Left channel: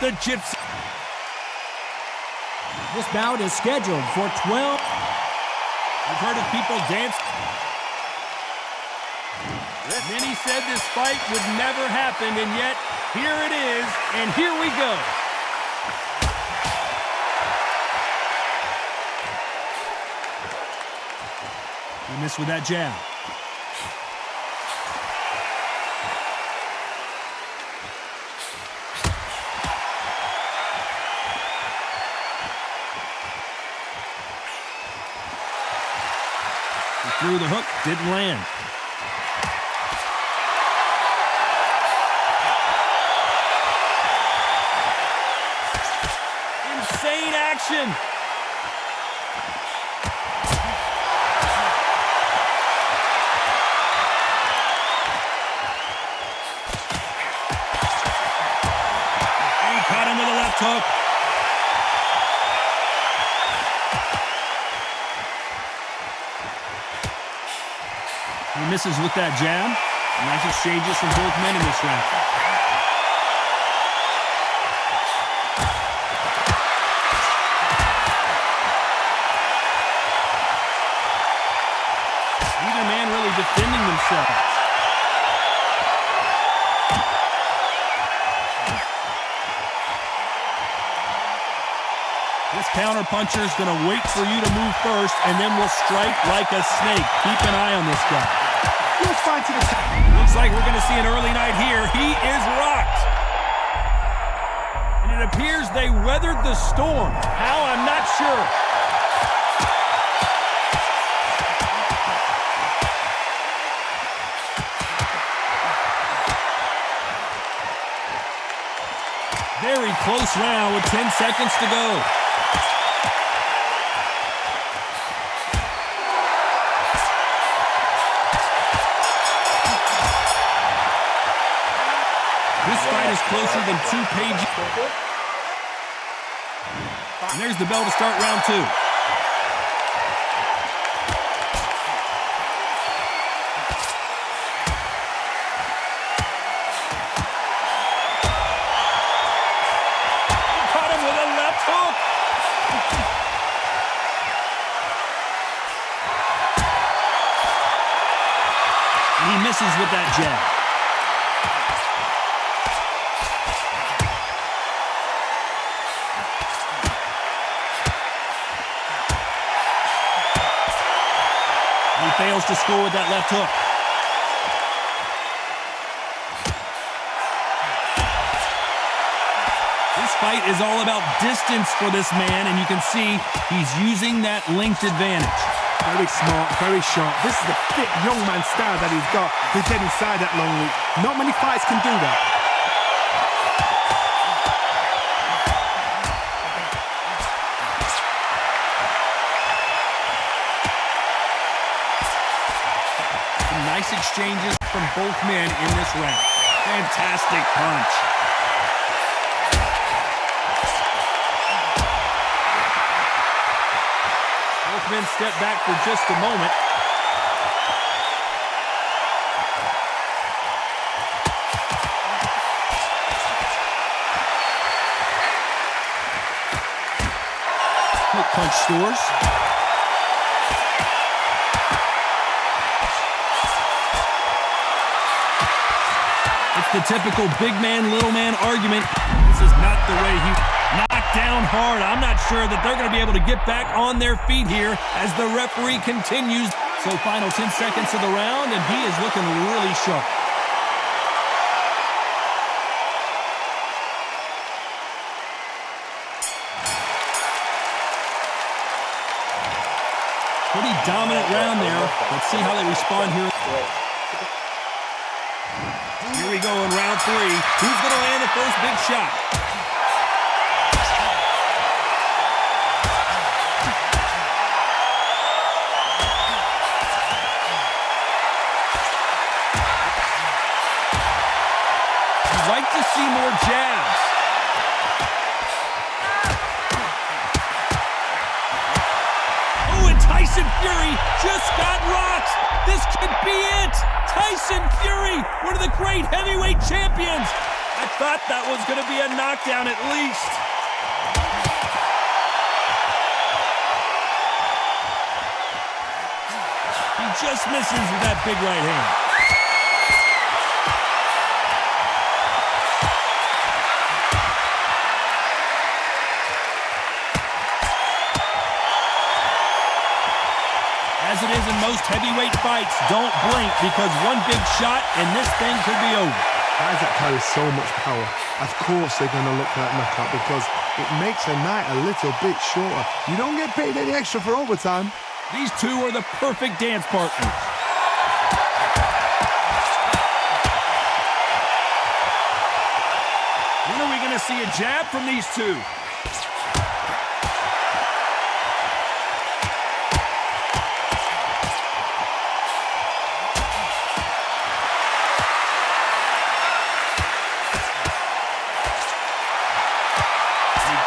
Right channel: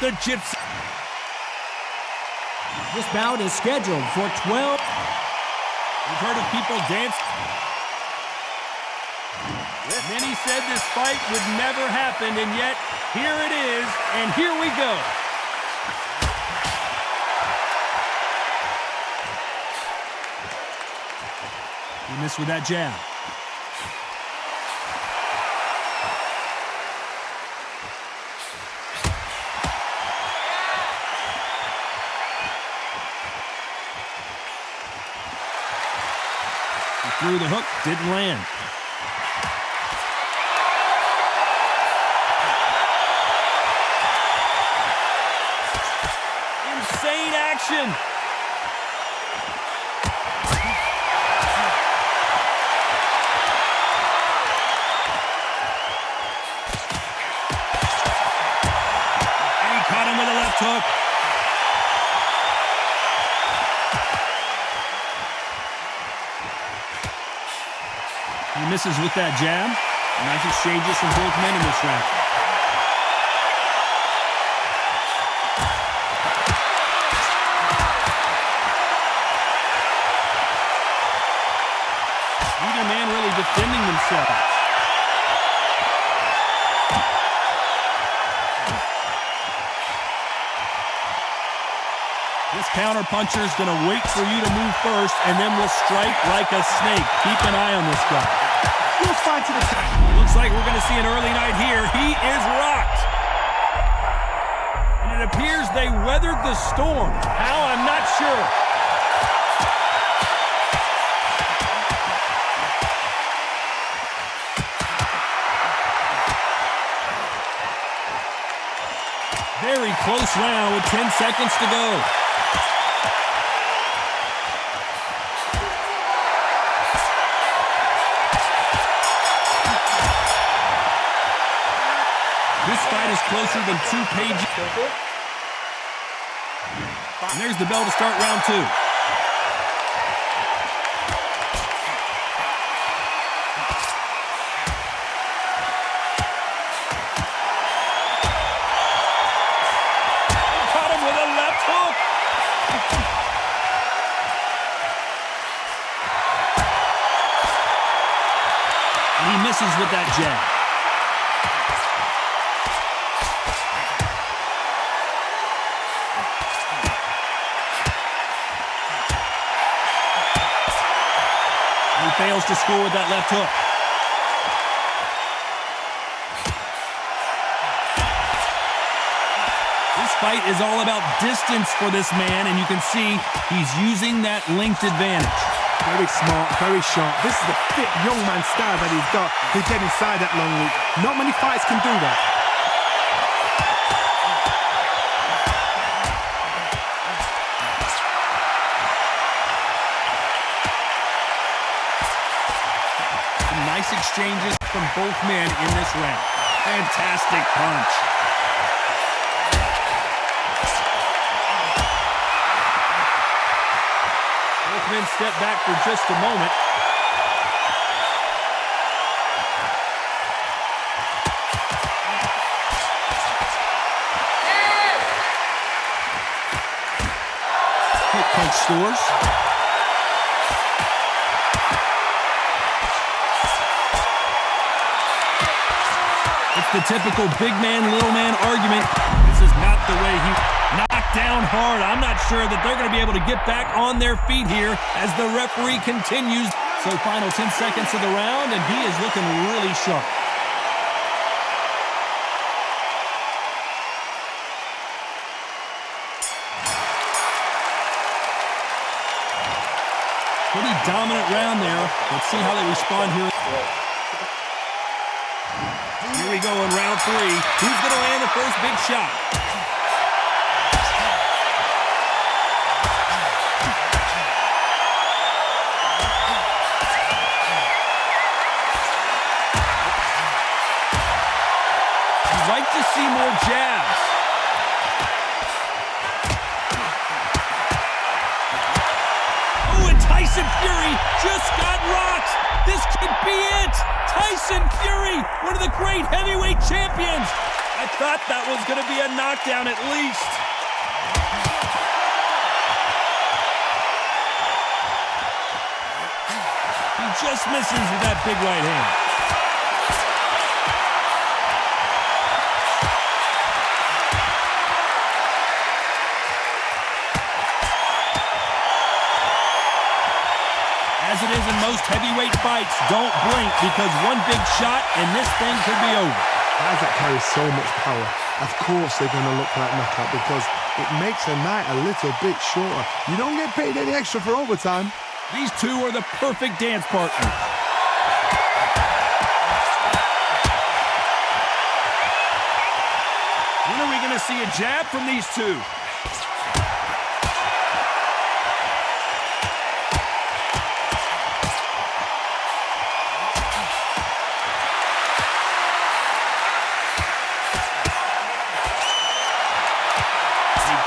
The Gypsy. This bout is scheduled for 12. We've heard of people dance. Many said this fight would never happen, and yet here it is, and here we go. He missed with that jab. He threw the hook, didn't land. Insane action. And he caught him with a left hook. He misses with that jab. Nice exchanges from both men in this round. Neither man really defending themselves. This counter puncher is going to wait for you to move first, and then will strike like a snake. Keep an eye on this guy. Looks like we're going to see an early night here. He is rocked. And it appears they weathered the storm. How? I'm not sure. Very close round with 10 seconds to go. This fight is closer than 2 pages. And there's the bell to start round 2. Caught him with a left hook. And he misses with that jab. He fails to score with that left hook. This fight is all about distance for this man, and you can see he's using that length advantage. Very smart, very sharp. This is a fit young man style that he's got to get inside that long loop. Not many fights can do that. Nice exchanges from both men in this round. Fantastic punch. Both men step back for just a moment. Quick punch scores. It's the typical big man, little man argument. This is not the way he knocked down hard. I'm not sure that they're going to be able to get back on their feet here as the referee continues. So final 10 seconds of the round, and he is looking really sharp. Pretty dominant round there. Let's see how they respond here. Here we go in round 3. Who's going to land the first big shot? You'd like to see more jabs. Oh, and Tyson Fury just got rocked. This could be it. Tyson Fury, one of the great heavyweight champions. I thought that was going to be a knockdown at least. He just misses with that big right hand. As it is in most heavyweight fights, don't blink because one big shot and this thing could be over. Guys that carry so much power, of course they're going to look for that knockout because it makes a night a little bit shorter. You don't get paid any extra for overtime. These two are the perfect dance partners. When are we going to see a jab from these two?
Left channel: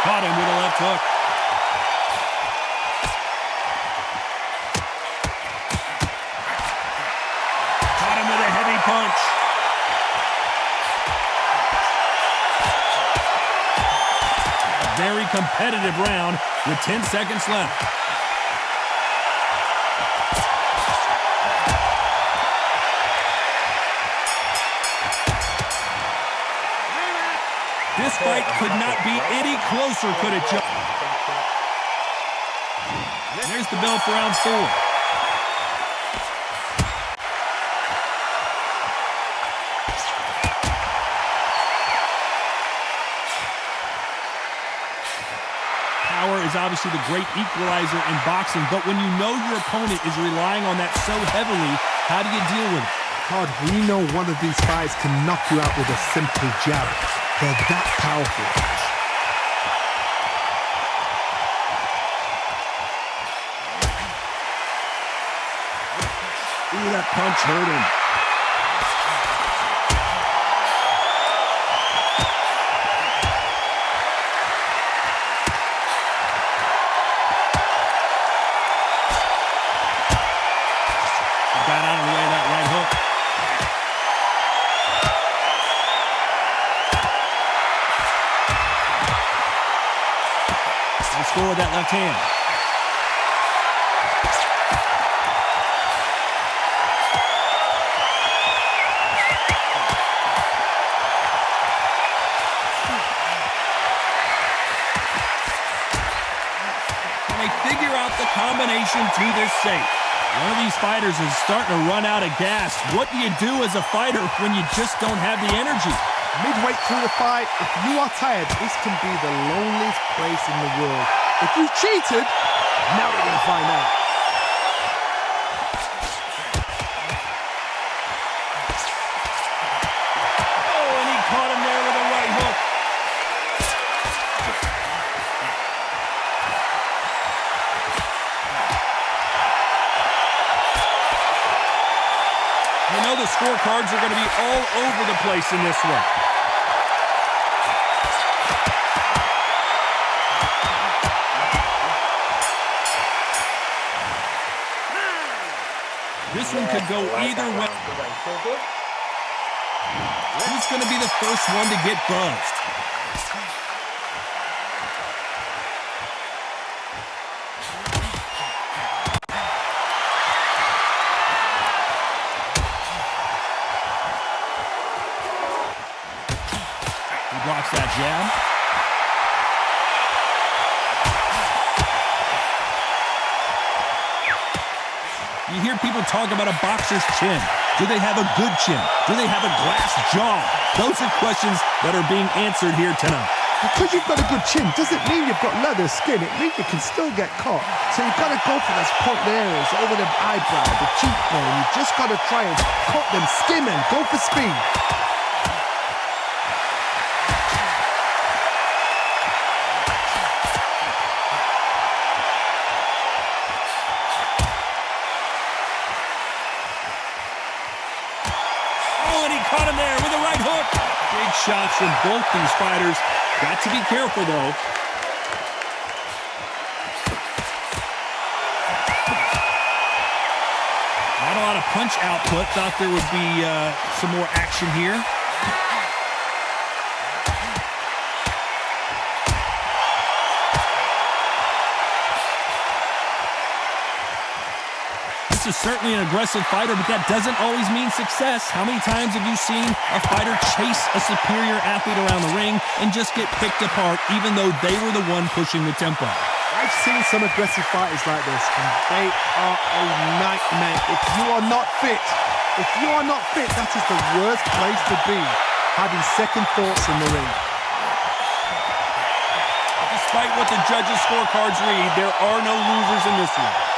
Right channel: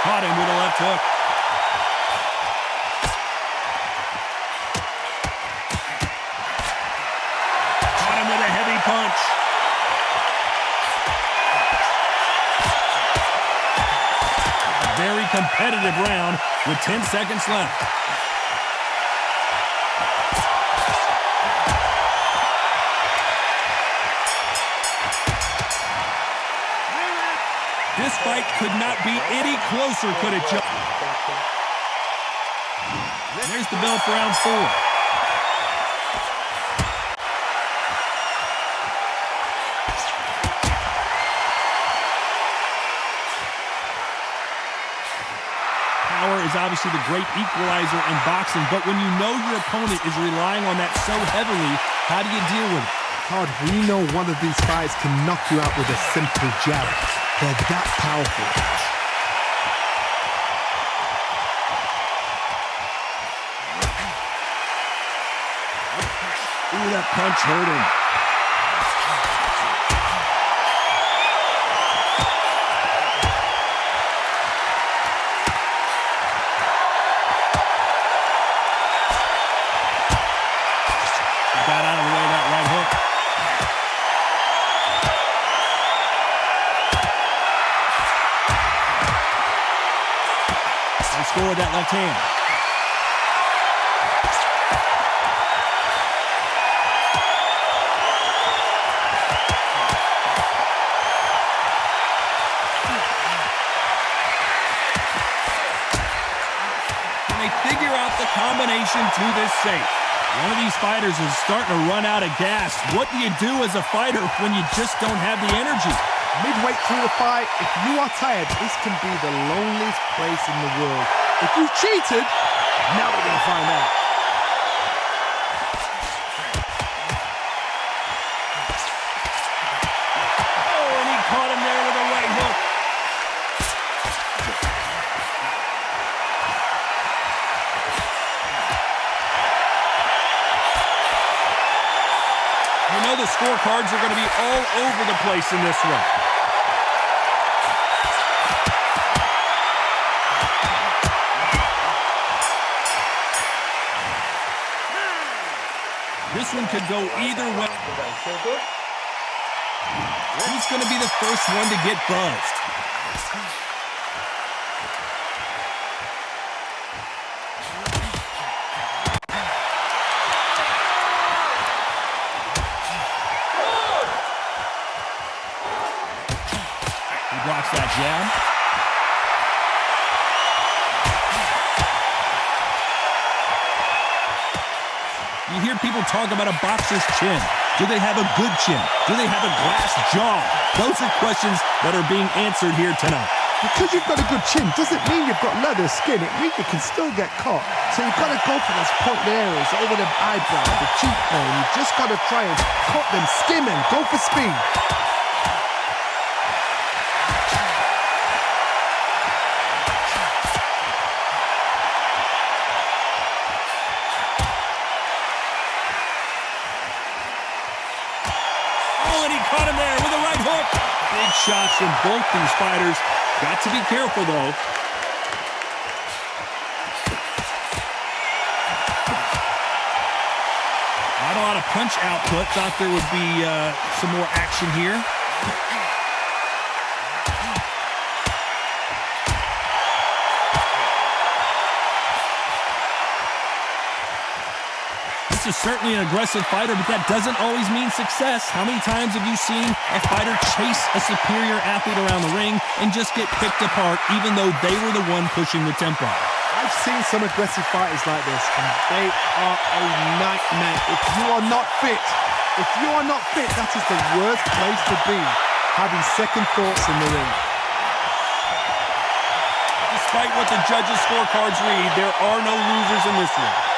Caught him with a left hook. Caught him with a heavy punch. A very competitive round with 10 seconds left. This fight could not be any closer, could it, Joe? There's the bell for round 4. Power is obviously the great equalizer in boxing, but when you know your opponent is relying on that so heavily, how do you deal with it? Todd, we know one of these fights can knock you out with a simple jab. They're that powerful. Ooh, that punch hurt him. He got out of the way of that right hook. Score with that left hand. Can they figure out the combination to this safe? One of these fighters is starting to run out of gas. What do you do as a fighter when you just don't have the energy? Midway through the fight, if you are tired, this can be the loneliest place in the world. If you cheated, now we're going to find out. Oh, and he caught him there with a right hook. You know the scorecards are going to be all over the place in this one. This one could go either way. Who's going to be the first one to get buzzed? He blocks that jab. You hear people talk about a boxer's chin. Do they have a good chin? Do they have a glass jaw? Those are questions that are being answered here tonight. Because you've got a good chin doesn't mean you've got leather skin. It means you can still get caught. So you've got to go for those pointed areas over the eyebrow, the cheekbone. You've just got to try and cut them, skim them, go for speed. Caught him there with a right hook. Big shots from both these fighters. Got to be careful, though. Not a lot of punch output. Thought there would be some more action here. This is certainly an aggressive fighter, but that doesn't always mean success. How many times have you seen a fighter chase a superior athlete around the ring and just get picked apart even though they were the one pushing the tempo? I've seen some aggressive fighters like this, and they are a nightmare. If you are not fit, that is the worst place to be, having second thoughts in the ring. Despite what the judges' scorecards read, there are no losers in this one.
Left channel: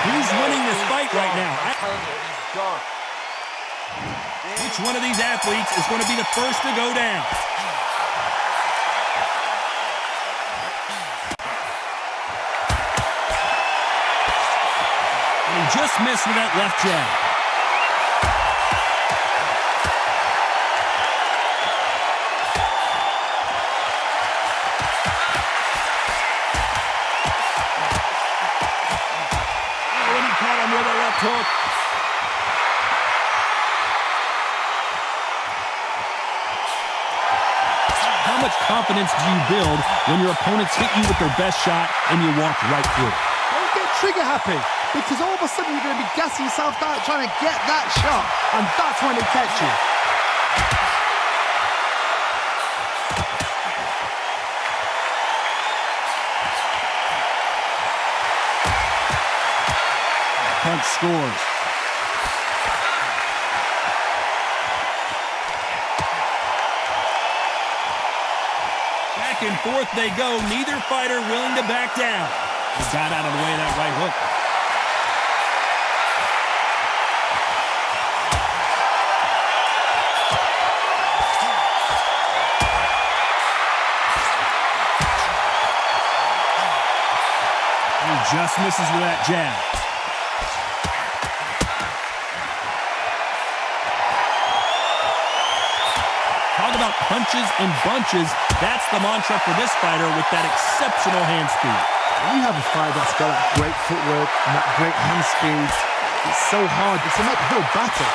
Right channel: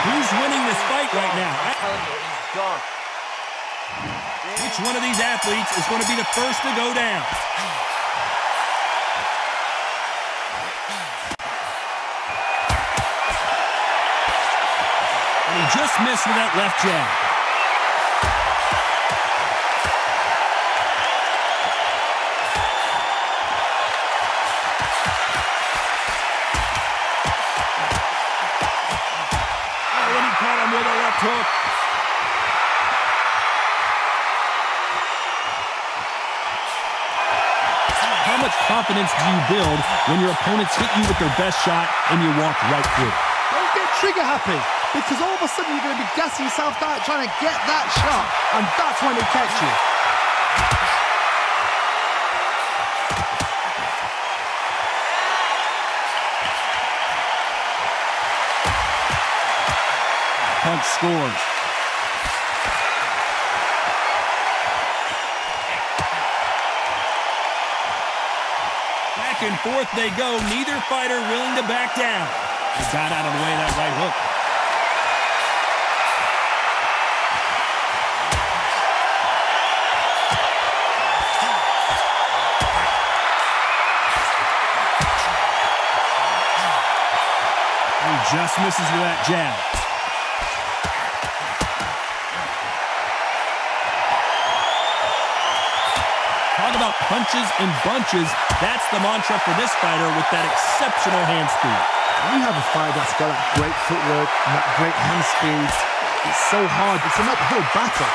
Who's winning this fight right now? I'm telling you, he's gone. Which one of these athletes is going to be the first to go down? And he just missed with that left jab. Oh, and he caught him with a left hook. How much confidence do you build when your opponents hit you with their best shot and you walk right through? Don't get trigger happy, because all of a sudden you're going to be gassing yourself out trying to get that shot, and that's when it catch you. Punch scores. Back and forth they go, neither fighter willing to back down. He got out of the way of that right hook. He just misses with that jab. Talk about punches and bunches. That's the mantra for this fighter with that exceptional hand speed. When you have a fighter that's got that great footwork and that great hand speed, it's so hard. It's an uphill battle.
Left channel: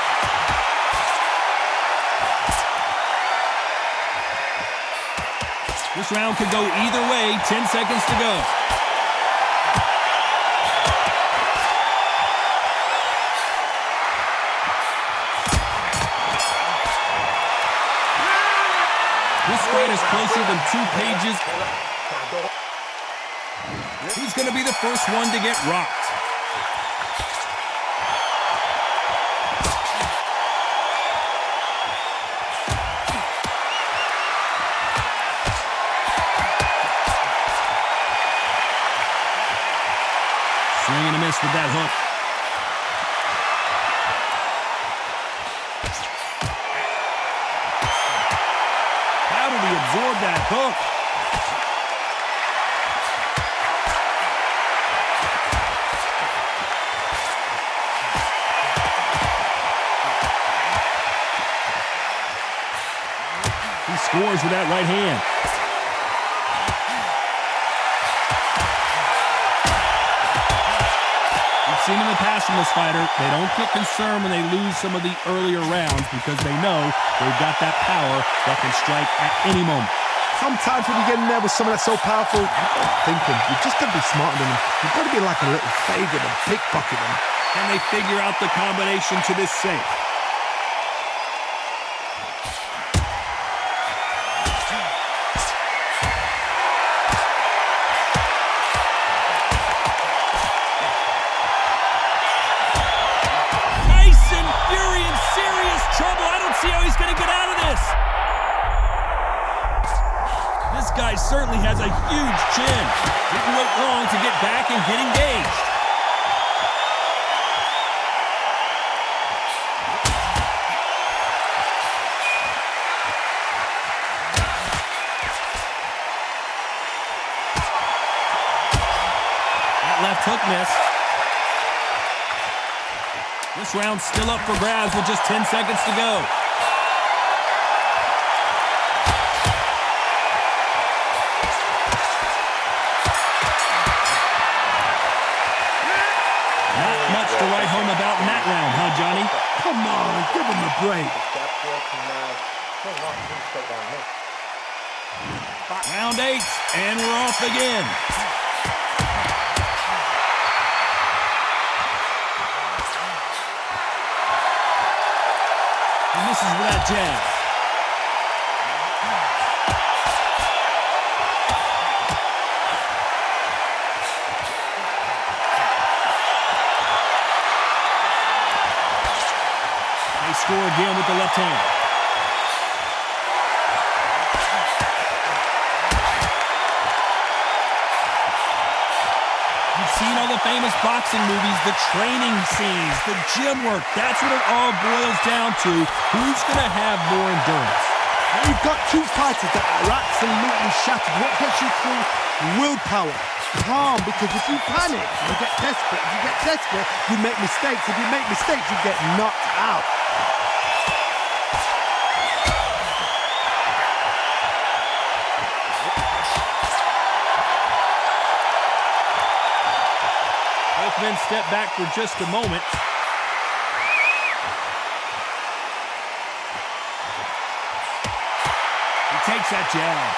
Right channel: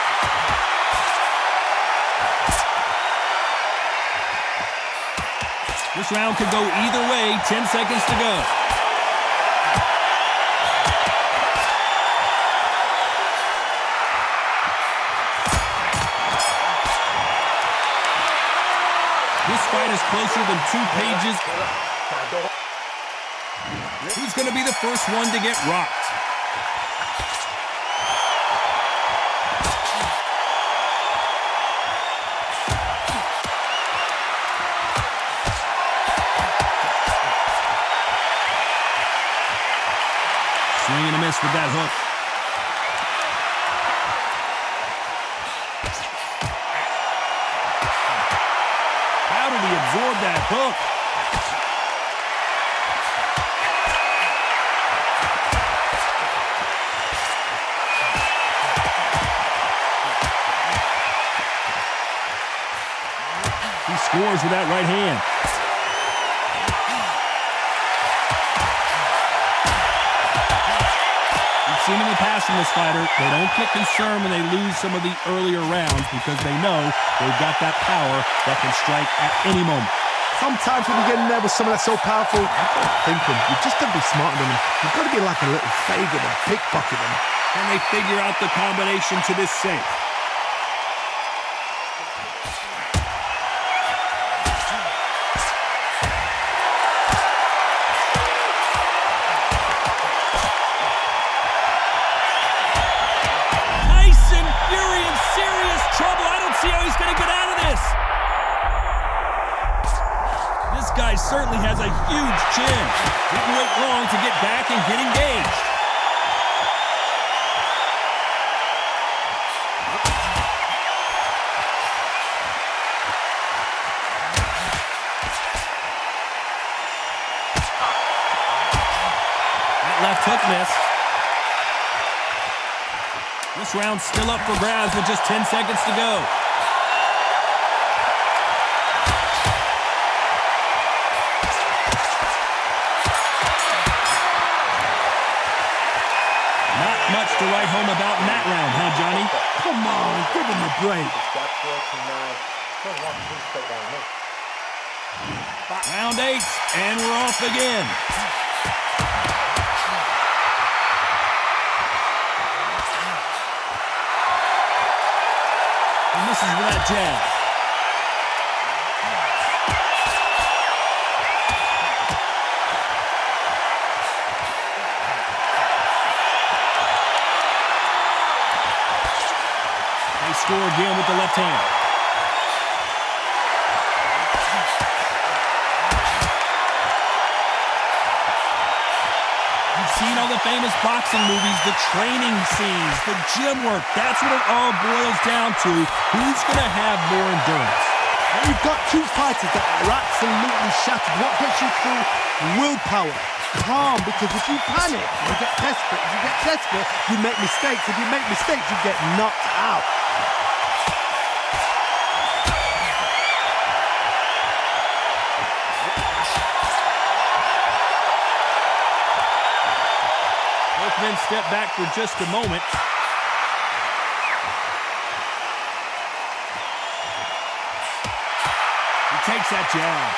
This round could go either way. 10 seconds to go. This fight is closer than 2 pages. Who's going to be the first one to get rocked? Swing and a miss with that hook. How did he absorb that hook? He scores with that right hand. We've seen in the past from this fighter, they don't get concerned when they lose some of the earlier rounds because they know they've got that power that can strike at any moment. Sometimes when you get in there with someone that's so powerful, you've got to think him. You've just got to be smarter than him. You've got to be like a little faggot and pickpocket him. Can they figure out the combination to this safe? Trouble. I don't see how he's going to get out of this. This guy certainly has a huge chin. Didn't wait long to get back and get engaged. That left hook missed. This round's still up for grabs with just 10 seconds to go. Not much to write home about in that round, huh, Johnny? Come on, give him a break. Round 8, and we're off again. He misses with that jab. They score again with the left hand. Seen all the famous boxing movies, the training scenes, the gym work. That's what it all boils down to. Who's going to have more endurance? And you've got two fighters that are absolutely shattered. What gets you through? Willpower. Calm, because if you panic, you get desperate. If you get desperate, you make mistakes. If you make mistakes, you get knocked out. Both men step back for just a moment. He takes that jab.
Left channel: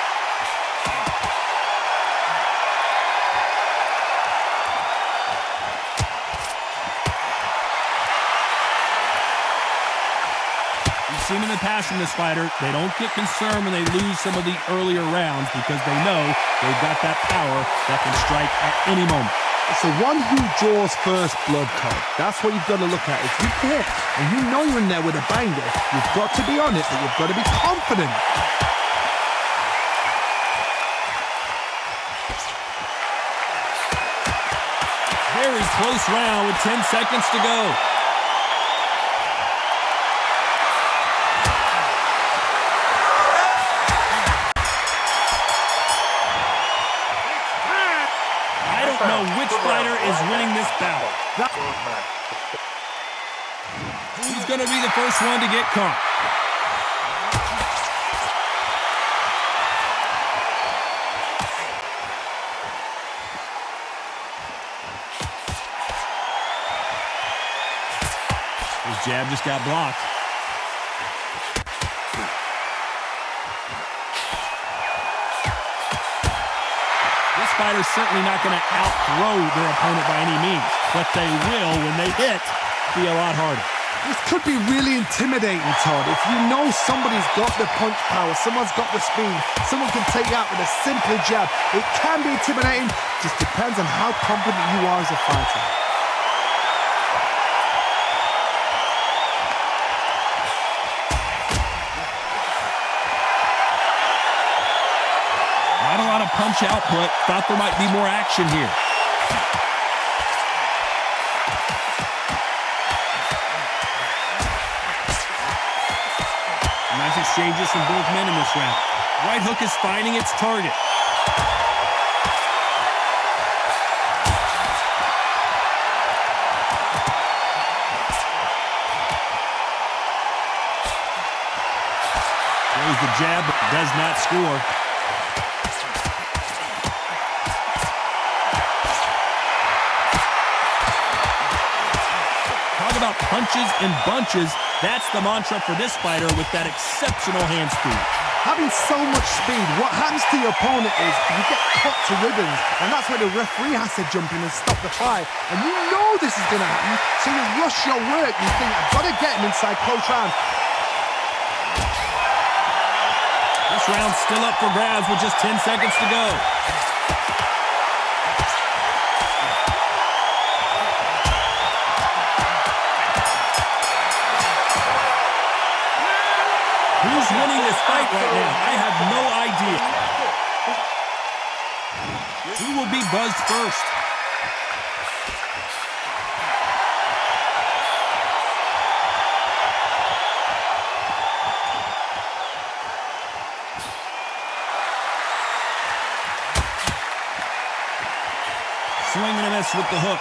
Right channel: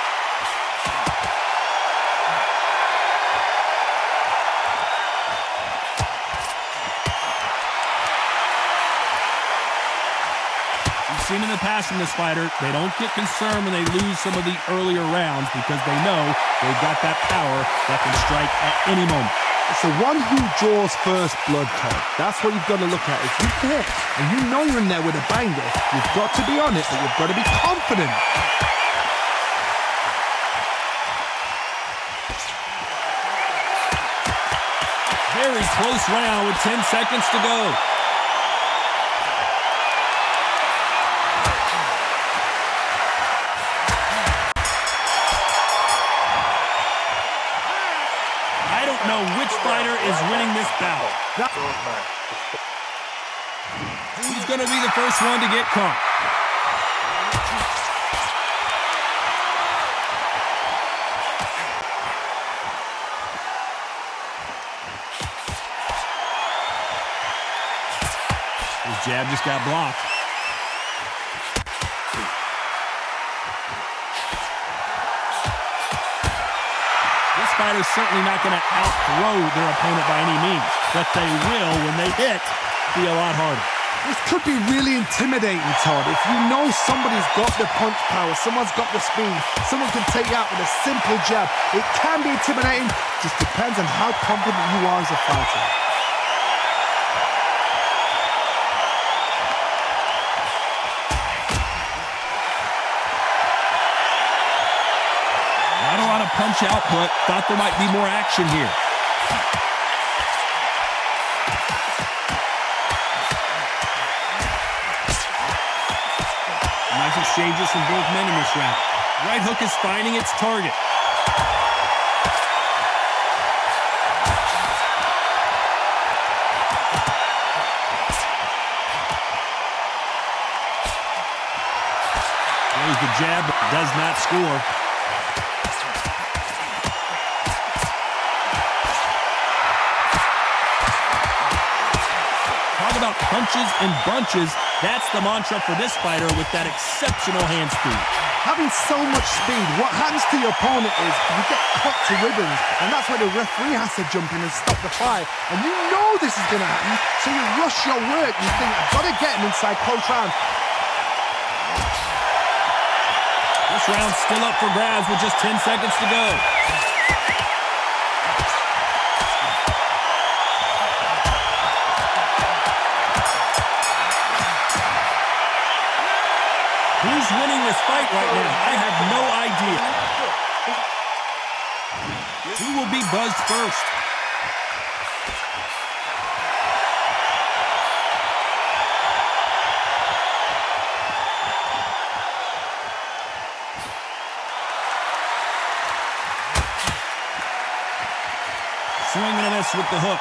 We've seen in the past from this fighter, they don't get concerned when they lose some of the earlier rounds because they know they've got that power that can strike at any moment. It's the one who draws first blood, Todd. That's what you've got to look at. If you hit and you know you're in there with a banger, you've got to be on it, but you've got to be confident. Very close round with 10 seconds to go. Which fighter is winning this battle? Who's going to be the first one to get caught? His jab just got blocked. This fighter's certainly not going to outthrow their opponent by any means, but they will, when they hit, be a lot harder. This could be really intimidating, Todd. If you know somebody's got the punch power, someone's got the speed, someone can take you out with a simple jab, it can be intimidating. Just depends on how confident you are as a fighter. Not a lot of punch output. Thought there might be more action here. Nice exchanges from both men in this round. Right hook is finding its target. Throws the jab, but does not score. Talk about punches and bunches. That's the mantra for this fighter with that exceptional hand speed. Having so much speed, what happens to your opponent is you get cut to ribbons, and that's where the referee has to jump in and stop the fight. And you know this is going to happen, so you rush your work. You think, I've got to get him inside close round. This round's still up for grabs with just 10 seconds to go. Who's winning this fight right now? I have no idea. Who will be buzzed first? Swing and a miss with the hook.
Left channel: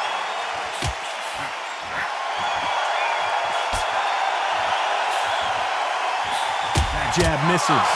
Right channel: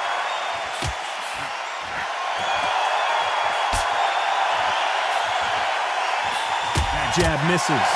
That jab misses.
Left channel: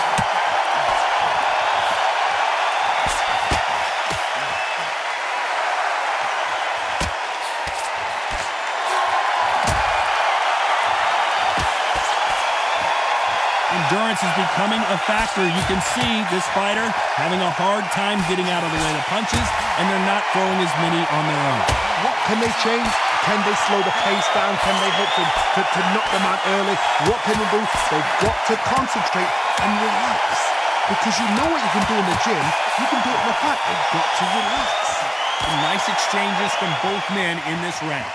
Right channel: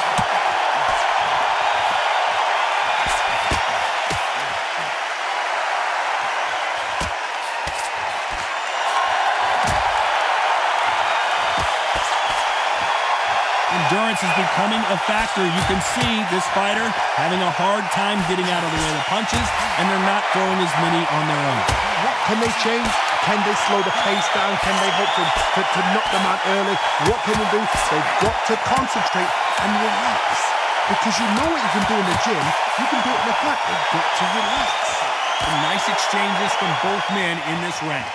Endurance is becoming a factor. You can see this fighter having a hard time getting out of the way of the punches, and they're not throwing as many on their own. What can they change? Can they slow the pace down? Can they hope to knock them out early? What can they do? They've got to concentrate and relax. Because you know what you can do in the gym, you can do it in the fight. They've got to relax. Some nice exchanges from both men in this round.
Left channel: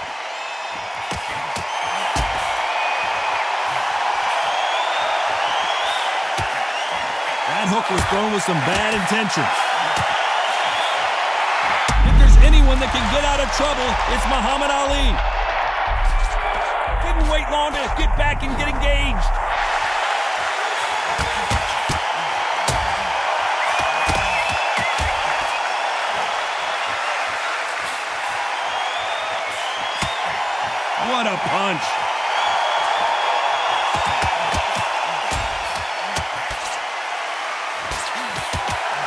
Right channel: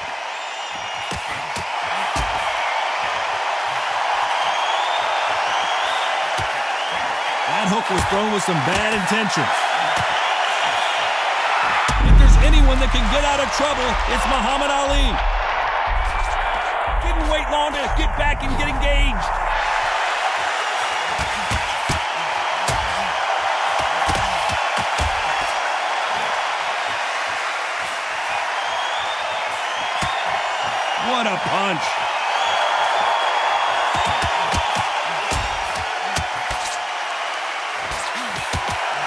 That hook was thrown with some bad intentions. If there's anyone that can get out of trouble, it's Muhammad Ali. Didn't wait long to get back and get engaged. What a punch.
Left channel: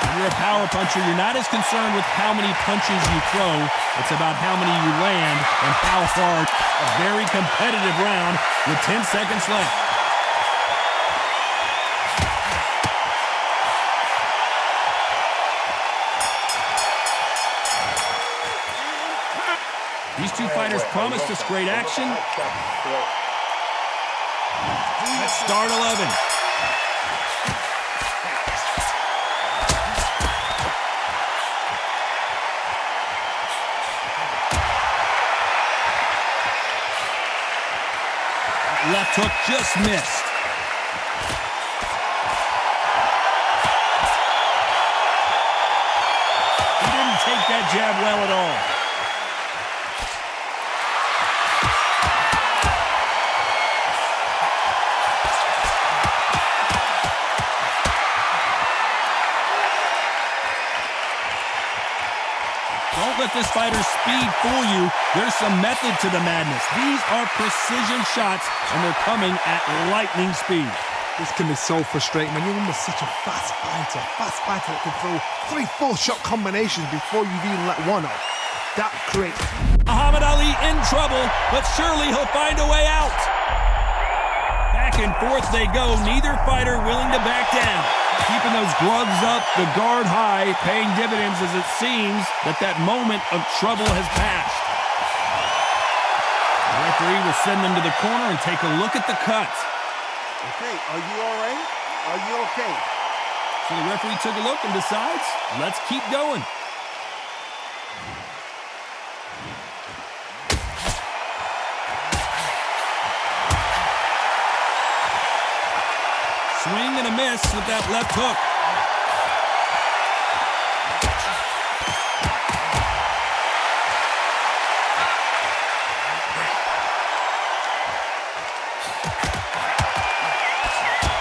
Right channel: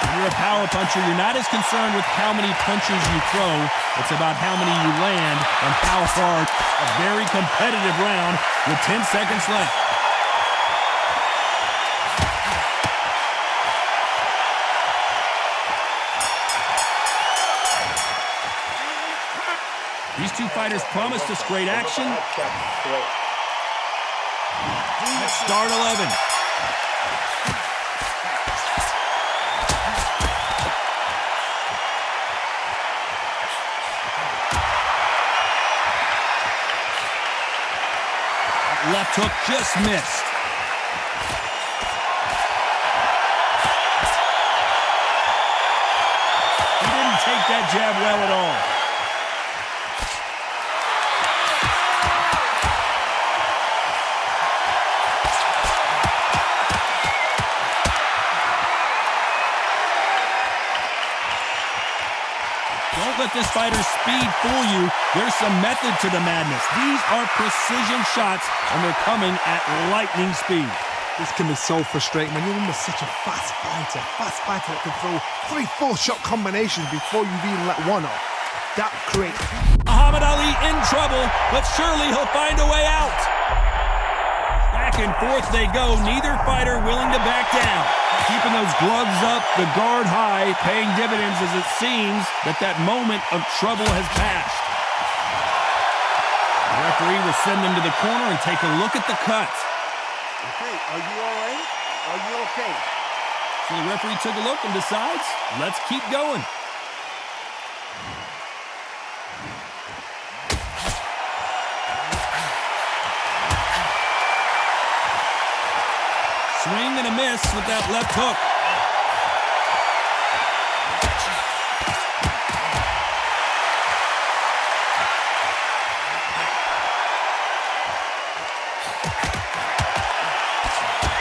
When you're a power puncher, you're not as concerned with how many punches you throw. It's about how many you land and how far. A very competitive round with 10 seconds left. These two fighters promised us great action. Let's start 11. Left hook just missed. He didn't take that jab well at all. Don't let this fighter's speed fool you. There's some method to the madness. These are precision shots, and they're coming at lightning speed. This can be so frustrating when you're under such a fast fighter that can throw 3-4 shot combinations before you've even let one off. That creates. Muhammad Ali in trouble, but surely he'll find a way out. Back and forth they go, neither fighter willing to back down. Keeping those gloves up, the guard high, paying dividends as it seems that moment of trouble has passed. The referee will send them to the corner and take a look at the cut. Okay, are you all right? Are you okay? So the referee took a look and decides, let's keep going. Swing and a miss with that left hook.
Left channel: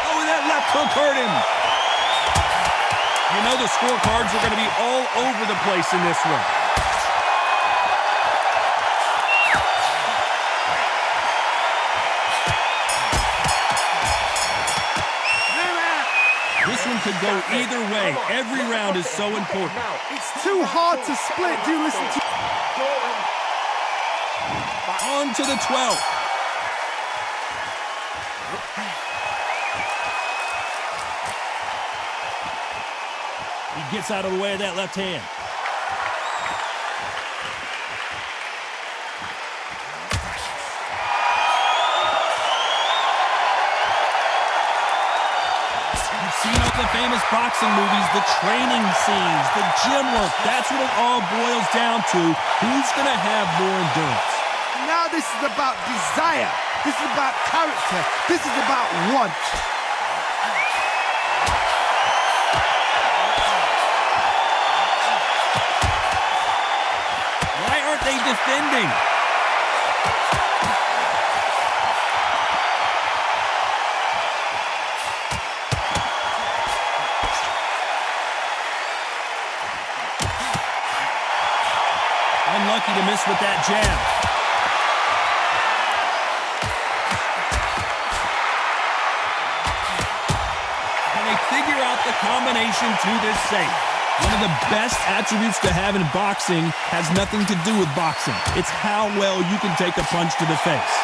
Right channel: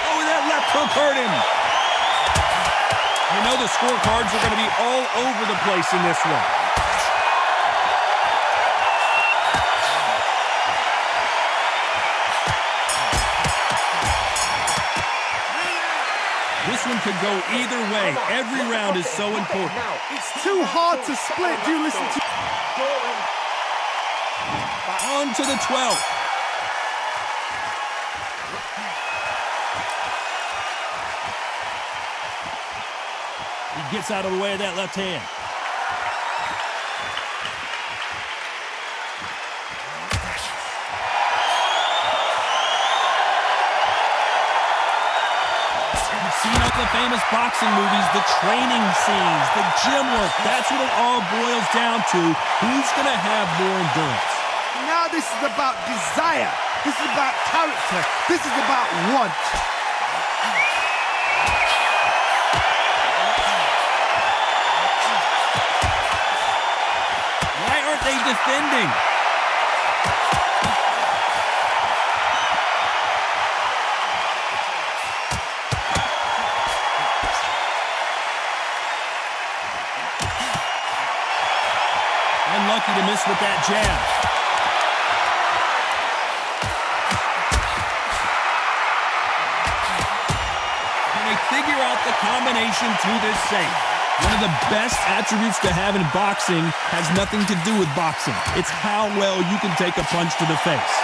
Oh, that left hook hurt him. You know the scorecards are going to be all over the place in this one. This one could go either way. Every round is so important. It's too hard to split. Do you listen to... On to the 12th. He gets out of the way of that left hand. Seen all the famous boxing movies, the training scenes, the gym work. That's what it all boils down to. Who's going to have more endurance? Now this is about desire. This is about character. This is about want. Why aren't they defending? Unlucky to miss with that jab. Can they figure out the combination to this safe? One of the best attributes to have in boxing has nothing to do with boxing. It's how well you can take a punch to the face.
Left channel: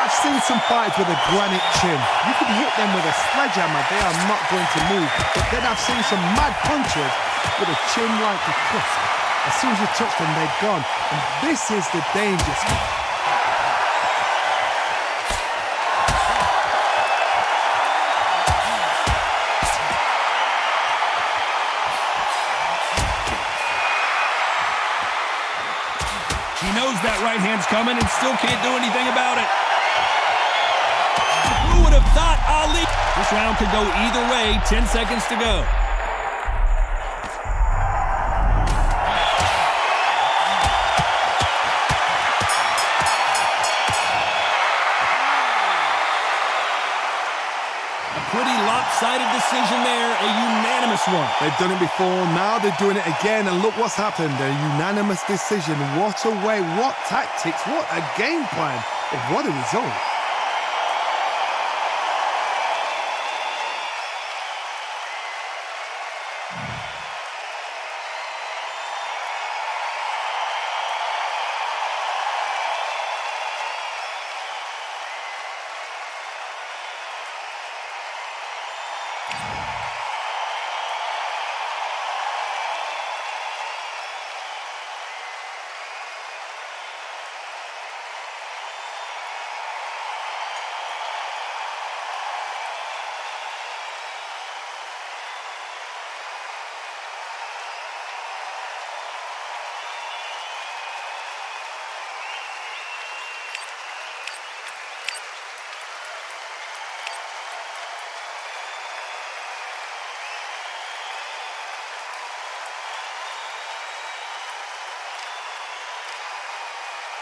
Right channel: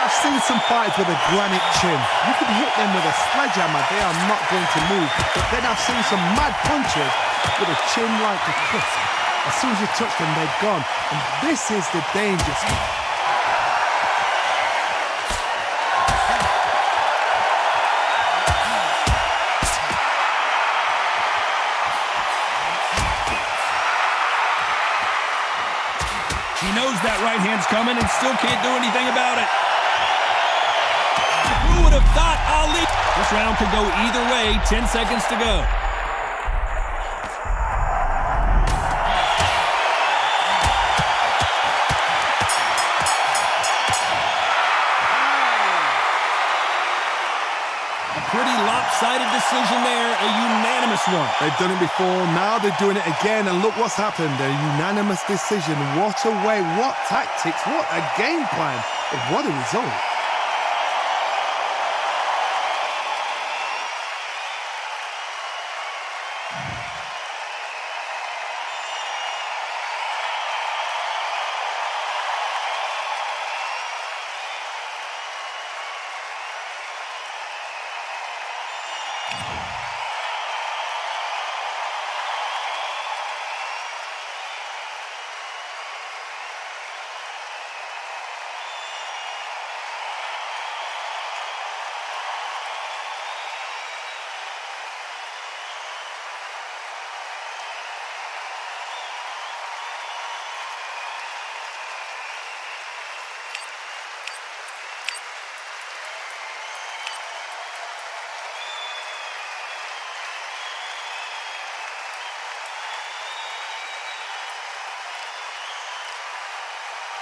I've seen some fighters with a granite chin. You can hit them with a sledgehammer, they are not going to move. But then I've seen some mad punchers with a chin like a crisp. As soon as you touch them, they're gone. And this is the danger spot. He knows that right hand's coming and still can't do anything about it. Who would have thought Ali? This round could go either way. 10 seconds to go. A pretty lopsided decision there, a unanimous one. They've done it before, now they're doing it again, and look what's happened. A unanimous decision. What a way, what tactics, what a game plan, and what a result.